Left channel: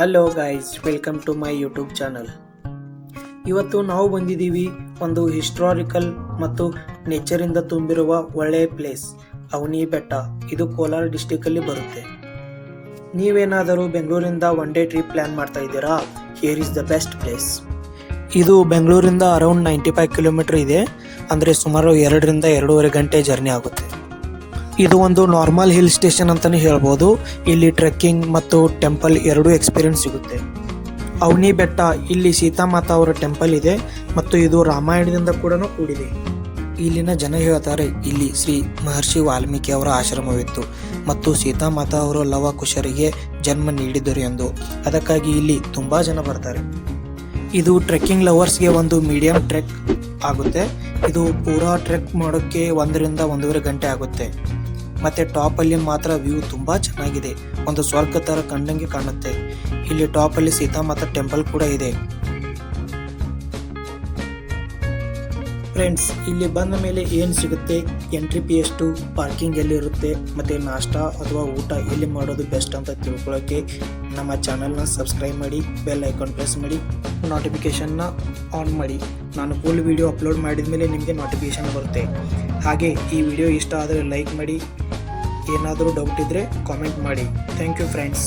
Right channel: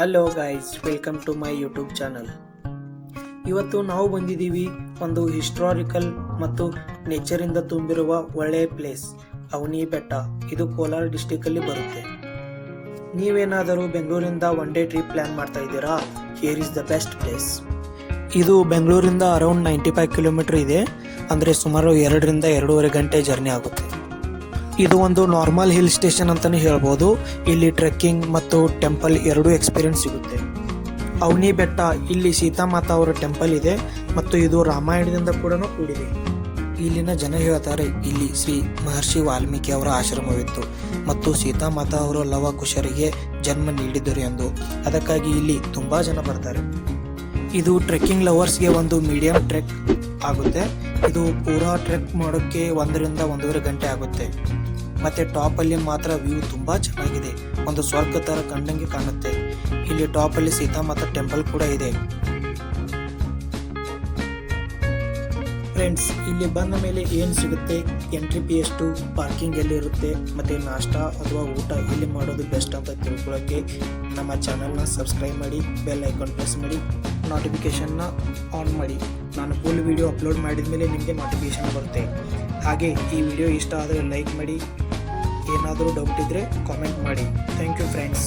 Hello guys, welcome to my YouTube channel. ಇವತ್ತು ನಾವು ಬಂದಿದ್ದೀವಿ ಒಂದು ಹಿಸ್ಟಾರಿಕಲ್ ಮತ್ತು ನೇಚರಿಂದ ತುಂಬಿರುವ ಒಳ್ಳೆಯ ಪ್ಲೇಸ್, ಅವನಿ ಬೆಟ್ಟ. ಇದು ಕೋಲಾರ ಡಿಸ್ಟಿಕ್ ಅಲ್ಲಿ ಬರುತ್ತೆ. ನೀವೇನಾದರೂ ಬೆಂಗಳೂರಿಂದ ಒನ್ ಡೇ ಟ್ರಿಪ್ ಪ್ಲಾನ್ ಮಾಡ್ತಾ ಇದ್ದೀರಾ? Here is the best place. ಇದು ಬೆಂಗಳೂರಿಂದ ಅರೌಂಡ್ 95 ಕಿಲೋಮೀಟರ್ ಇದೆ, ಅಂದರೆ ಸುಮಾರು 2.5 ಗಂಟೆ ಜರ್ನಿ ಆಗುತ್ತೆ. ಇದು ಒಂದು ನಾರ್ಮಲ್ ಹಿಲ್ ಸ್ಟೇಷನ್ ಅಂತಾನೆ ಹೇಳ್ಬೋದು. ಇಲ್ಲಿ ಟ್ರೆಕ್ಕಿಂಗ್ ಮತ್ತು ಟೆಂಪಲ್ ಎರಡೂ ಎಕ್ಸ್ಪೀರಿಯನ್ಸ್ ಸಿಗುತ್ತೆ. ಅವನಿ ಬೆಟ್ಟ, ಇಲ್ಲಿ ಸೀತಾಮಾತಾ ಅವರ ಟೆಂಪಲ್ ಇದೆ ಮತ್ತು ಇದು ರಾಮಾಯಣದಿಂದ ಕೂಡ ಕೂಡಿದೆ. ಇಲ್ಲಿನ ಜನ ಹೇಳ್ತಾರೆ ಇಲ್ಲಿ ಶ್ರೀ ಮಹರ್ಷಿ ವಾಲ್ಮೀಕಿ ಅವರ ಆಶ್ರಮವಿತ್ತು ಮತ್ತು ಸೀತಾಮಾತಾ ಅವರು ಲವ ಕುಶರಿಗೆ ಜನ್ಮ ನೀಡಿದರು ಎಂದು. ಅದಕ್ಕಾಗಿ ಇಲ್ಲಿ ತುಂಬಾ ಜನ ಬರ್ತಾರೆ. ಇದು ಟ್ರೆಕ್ಕಿಂಗ್ ಲವರ್ಸ್ಗೆ ಒಂದು ಮೀಡಿಯಂ ಟ್ರೆಕ್ ಆಗುತ್ತೆ. ಇದು ಪೂರಾ ಟ್ರೆಕ್ ಮಾಡೋಕ್ಕೆ 1.5 ಗಂಟೆ ಆಗುತ್ತೆ. ಮತ್ತೆ ಟಾಪ್ ಅಲ್ಲಿ ಮಾತ್ರ ವ್ಯೂ ತುಂಬಾ ಚೆನ್ನಾಗಿದೆ, ಒಂದು ಸ್ವರ್ಗ ತರ ಕಣ್ಣಂಗೆ ಕಾಣುತ್ತೆ. ಇಲ್ಲಿ ಟಾಪ್ ಅಲ್ಲಿ ಸೀತಾಮಾತಾ ಟೆಂಪಲ್ ಕೂಡ ಇದೆ. ಫ್ರೆಂಡ್ಸ್, ಇಲ್ಲಿ ಬಂದ ಮೇಲೆ ಏನು ಸಿಗುತ್ತೆ, ಎಂಟ್ರಿ ಫೀ ಎಷ್ಟು, ಪಾರ್ಕಿಂಗ್ ಎಲ್ಲಿರುತ್ತೆ, ಮತ್ತೆ ನಾಷ್ಟಾ ಅಥವಾ ಊಟ ಎಲ್ಲಿ ಮಾಡೋದು ಬೆಸ್ಟ್ ಅಂತ ತಿಳ್ಕೊಳ್ಳೋಕ್ಕೆ ನಮ್ಮ ಚಾನಲ್ನ ಸಬ್ಸ್ಕ್ರೈಬ್ ಮಾಡಿ, ಬೆಲ್ ಐಕಾನ್ ಪ್ರೆಸ್ ಮಾಡಿ, ನೋಟಿಫಿಕೇಶನ್ನ ಆನ್ ಮಾಡಿ. ನಾನು ಫುಲ್ ವಿಡಿಯೋ ಅಪ್ಲೋಡ್ ಮಾಡಿದ ಮೇಲೆ ನಿಮಗೆ ನೋಟಿಫಿಕೇಶನ್ ಬರುತ್ತೆ. ಹಾಗೆ ಈ ವಿಡಿಯೋ ಇಷ್ಟ ಆದರೆ ಲೈಕ್ ಮಾಡಿ, ಏನಾದರೂ ಡೌಟ್ ಇದ್ದರೆ ಕಾಮೆಂಟ್ ಮಾಡಿ. Thank you friends.